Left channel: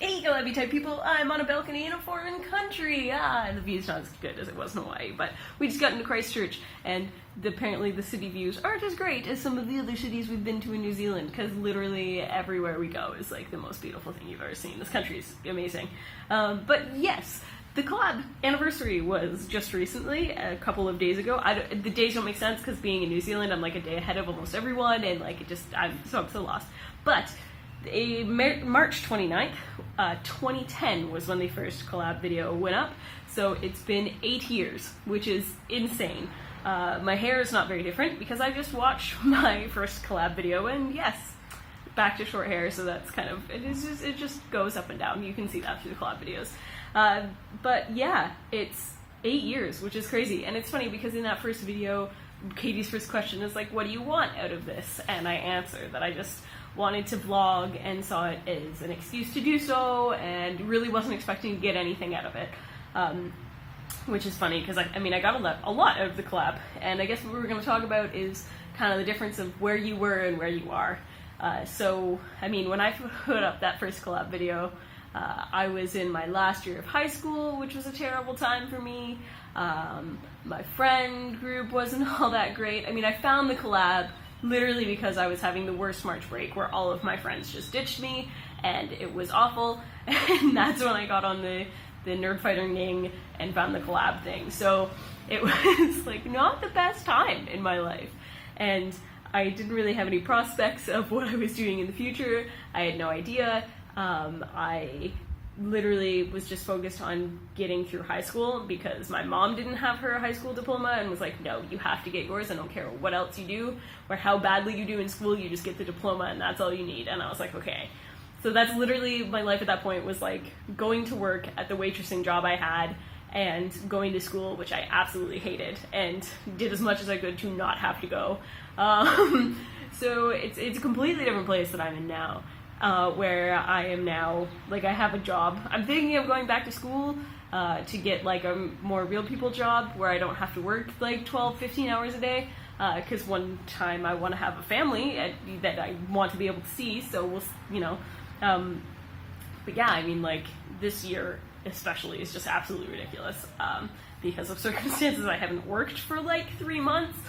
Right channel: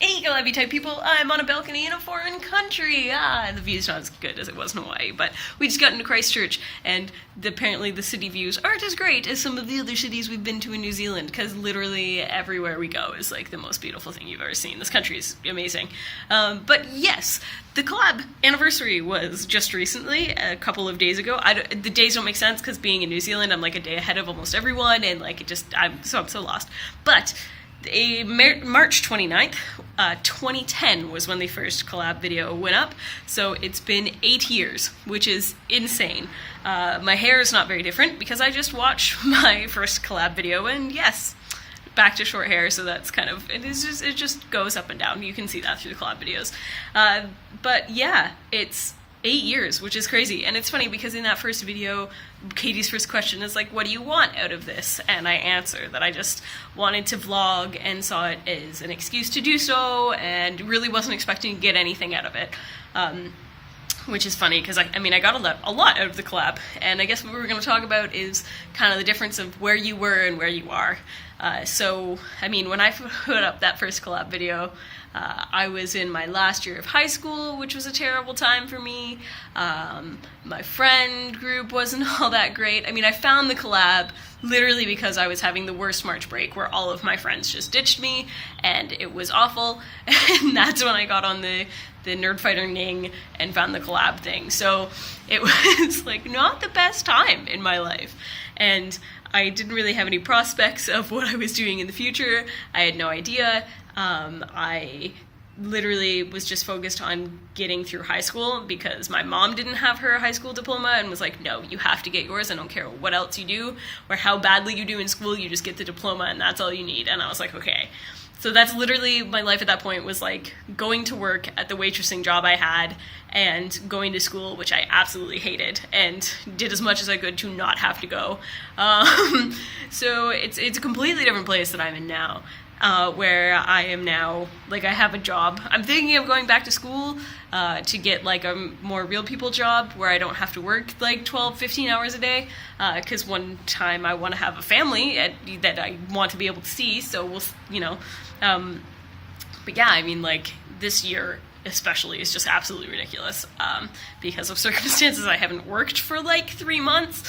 Hey, CollabElab type people, I'm on a balcony in a foreign country. The view's not as good as it was in Hawaii, but we just got into Christchurch, and apparently the city views aren't as great as some of the other cities we've been to in New Zealand, because literally everywhere we go is like the most beautiful thing you've ever seen. This country is amazing. But yes, the collab anniversary was just recently, a couple of days ago. The days don't make sense, because being in New Zealand, I'm like a day ahead of almost everyone, and like I'm so lost. But March 29th, 2010 was when the first collab video went up, so it's been 8 years, which is insane. My hair is not very different because I just watched my first collab video, and yes, back to short hair, so that's kind of, it just goes up and down. You can see that through the collab videos. But yeah, it's 8 years, which is crazy. And it's funny because in that first video, Katie's first question is like, what do you want out of this? And I answer that I just wanted to vlog and saw it as an excuse to do so, and really wasn't expecting to get anything out of it. Which is funny because I got a lot out of the collab, and I guess what we're going to talk about is kind of the difference of where you were and where you are. So when I put up that first collab video, I was in my last year of high school, which was a terrible time for me. My friend group wasn't all that great. I found the collab literally because I was having the worst March break where all of my friends just ditched me, and it was awful. And that's when I got on the Nerdfighter Ning and found the collab thing. So it was like not the best time in my life. And I didn't really have any prospects of what I was doing in the future. I had no idea. I literally was just focused on getting through high school because my mom didn't have her high school diploma and was like, no, you have to get yours. I don't care what else you do or how badly you do in school, you just get the diploma and that's all you need. And I was like, okay. So that's literally my life at that point, was like going to work at the waitressing job I had and going to school, which I absolutely hated, and did as much as I could to not have to go. So it's a completely different place that I'm in now. Where I am now, like I have a job. I'm thinking of going back to school to get like a more real people job where I don't have to work like 12, 15 hours a day, because one time I want to have a family that I want to be able to see, so we'll, but yeah, like this year especially is just absolutely ridiculous because of circumstances. I haven't worked for like 3 months.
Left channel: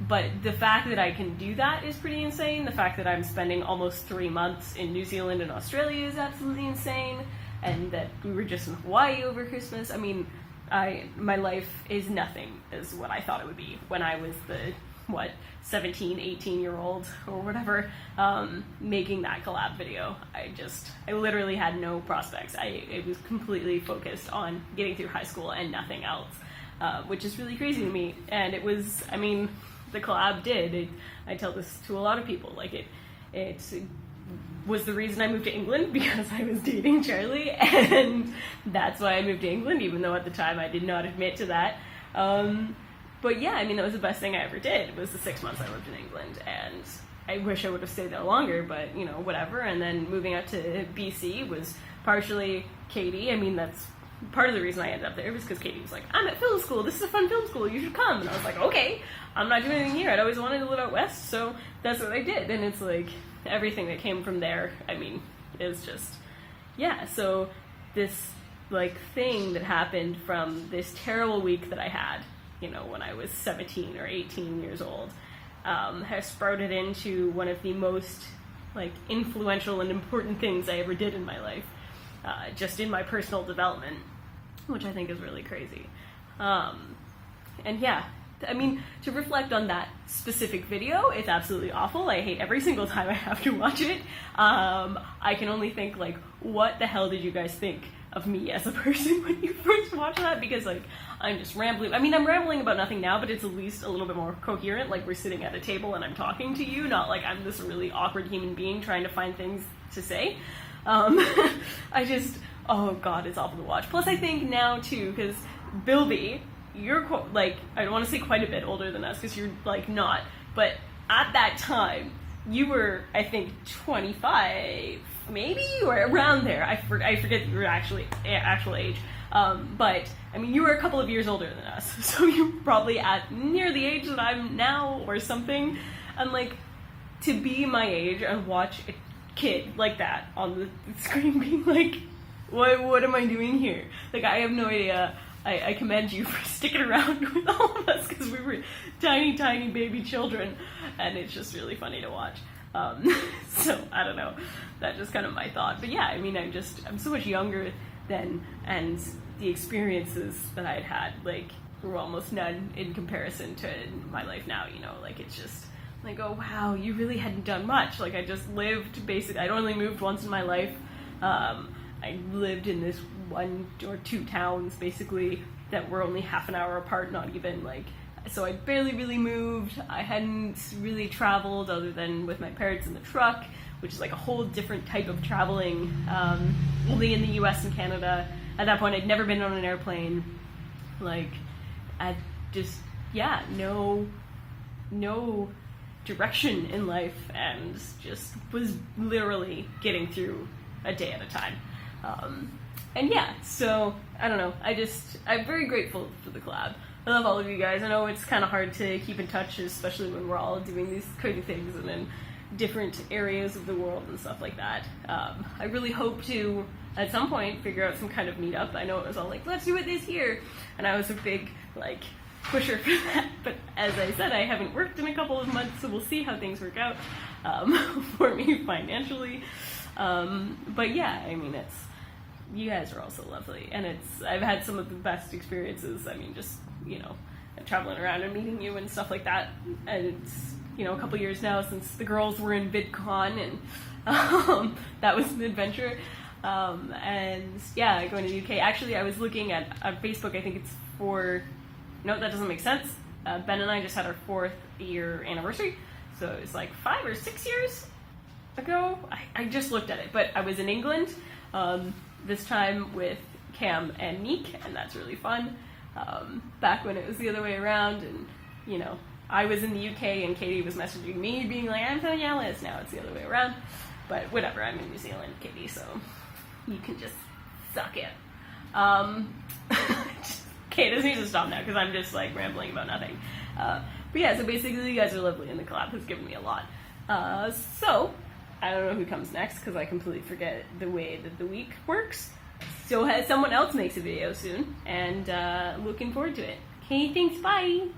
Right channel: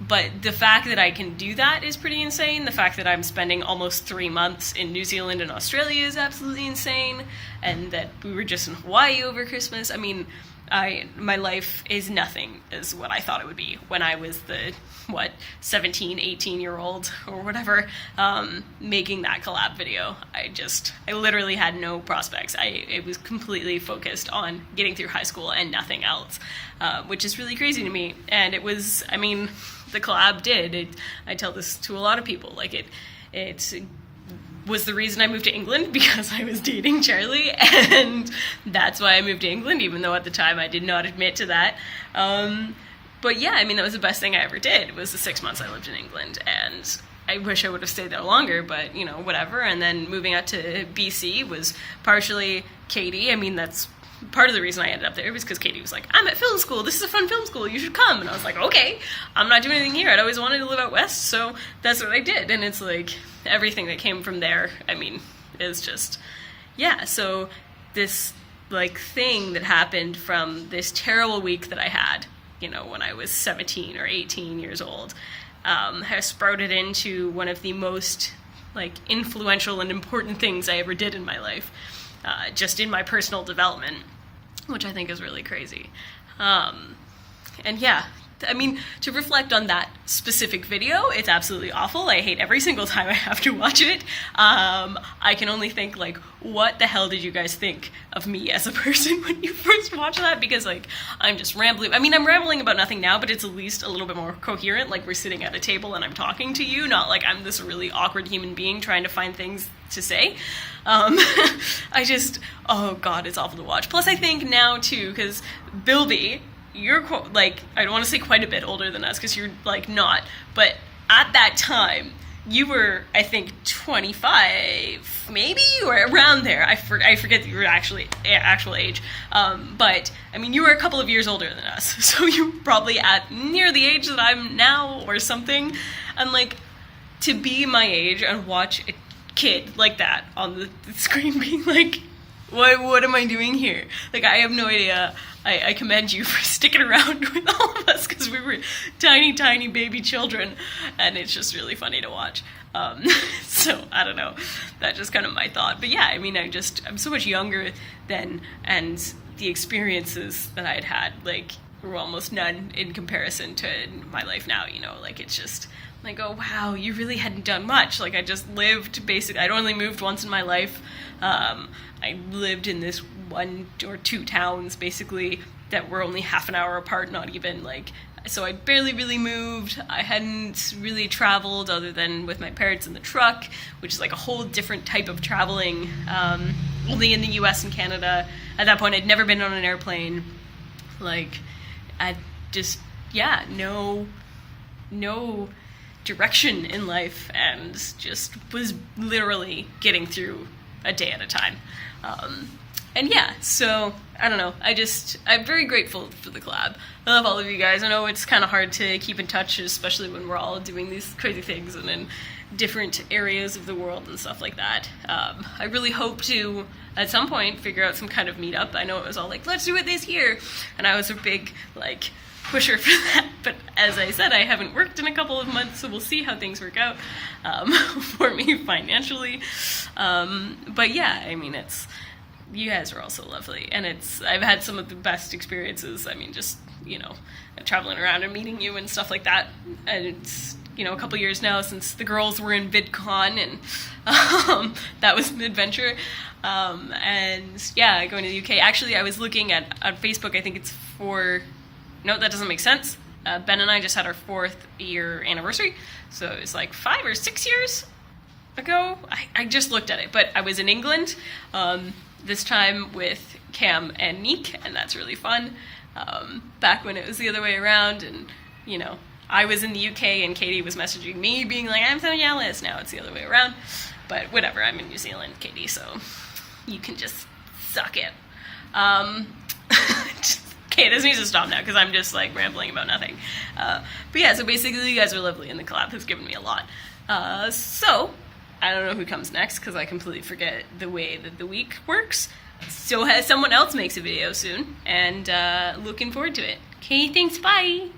But the fact that I can do that is pretty insane. The fact that I'm spending almost 3 months in New Zealand and Australia is absolutely insane. And that we were just in Hawaii over Christmas. My life is nothing as what I thought it would be when I was the, 17, 18-year-old or whatever, making that collab video. I literally had no prospects. It was completely focused on getting through high school and nothing else, which is really crazy to me. And it was, the collab did. I tell this to a lot of people, like it was the reason I moved to England, because I was dating Charlie, and that's why I moved to England, even though at the time I did not admit to that. But yeah, that was the best thing I ever did, was the 6 months I lived in England, and I wish I would have stayed there longer, but whatever. And then moving out to BC was partially Katie. That's part of the reason I ended up there, was because Katie was like, I'm at film school, this is a fun film school, you should come. And I was like, okay, I'm not doing anything here. I'd always wanted to live out west, so that's what I did. And it's like everything that came from there, is just, yeah. So this like thing that happened from this terrible week that I had, when I was 17 or 18 years old, has sprouted into one of the most like influential and important things I ever did in my life, just in my personal development, which I think is really crazy. And yeah, to reflect on that specific video, it's absolutely awful. I hate every single time I have to watch it. I can only think, like, what the hell did you guys think of me as a person when you first watched that? Because, like, I'm just rambling. I'm rambling about nothing now, but it's at least a little bit more coherent. Like, we're sitting at a table and I'm talking to you, not like I'm this really awkward human being trying to find things to say. Oh God, it's awful to watch. Plus, I think now, too, because Bilby, you're like, I don't want to say quite a bit older than us, because you're like not, but at that time you were, I think, 25 maybe, or around there. I forget your actual age, but you were a couple of years older than us, so you're probably at near the age that I'm now or something. And like, to be my age and watch a kid like that on the screen being like, what am I doing here? Like, I have no idea. I commend you for sticking around with all of us because we were tiny, tiny baby children, and it's just really funny to watch. So I don't know, that's just kind of my thought. But yeah, I mean, I'm so much younger then, and the experiences that I had like were almost none in comparison to my life now, you know. Like, it's just like, oh wow, you really hadn't done much. Like, I just lived basically, I'd only moved once in my life. I lived in this 1 or 2 towns basically that were only half an hour apart, not even, like, so I barely really moved. I hadn't really traveled other than with my parents in the truck, which is like a whole different type of traveling, only in the US and Canada. At that point, I'd never been on an airplane. Like, I just, yeah, no direction in life, and just was literally getting through a day at a time. And yeah, so I don't know, I'm very grateful for the collab. I love all of you guys. I know it's kind of hard to keep in touch, especially when we're all doing these crazy things and in different areas of the world and stuff like that. I really hope to, at some point, figure out some kind of meetup. I know it was all like, let's do it this year, and I was a big, like, pusher for that, but as I said, I haven't worked in a couple of months, so we'll see how things work out for me financially. But yeah, I mean, you guys are also lovely, and I've had some of the best experiences. I mean, just, you know, traveling around and meeting you and stuff like that. And it's, you know, a couple years now since the girls were in VidCon, and that was an adventure. And yeah, going to the UK. Actually, I was looking on Facebook, I think it's no, that doesn't make sense. Ben and I just had our 4th year anniversary, so it was like 5 or 6 years ago. I just looked at it, but I was in England, this time with Cam and Neek, and that's really fun. Back when it was the other way around, and, you know, I was in the UK and Katie was messaging me being like, I'm so jealous. Now it's the other way around, but whatever, I'm in New Zealand, Katie, so you can just suck it. Okay, this needs to stop now because I'm just like rambling about nothing. But yeah, so basically you guys are lovely, and the collab has given me a lot. So I don't know who comes next because I completely forget the way that the week works. So someone else makes a video soon, and looking forward to it. Okay, thanks, bye!